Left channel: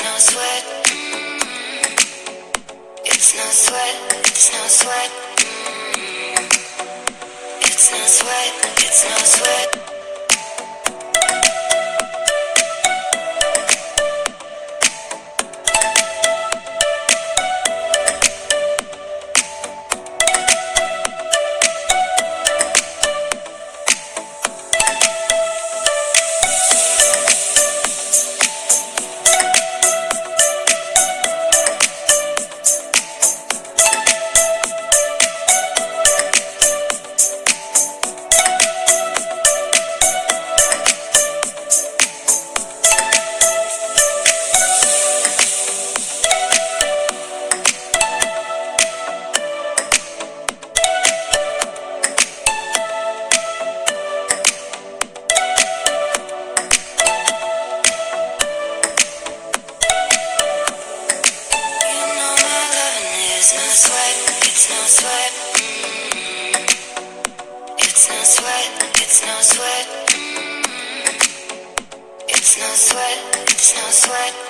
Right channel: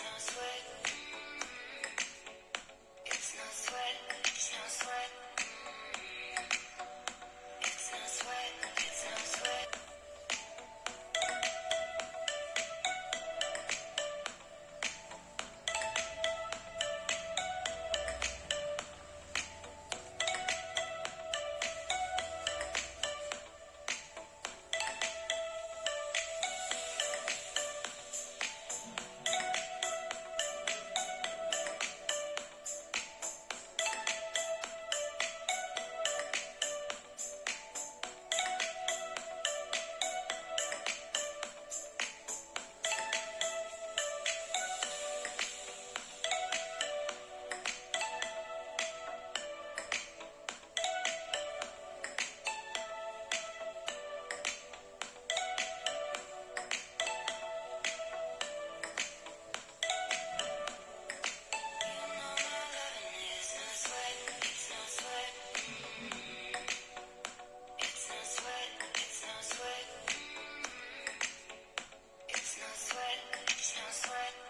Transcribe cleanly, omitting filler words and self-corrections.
it's no sweat. It's no sweat, it's no sweat. It's no sweat, it's no sweat. It's no sweat, it's no sweat. It's no sweat, it's no sweat. It's no sweat, it's no sweat.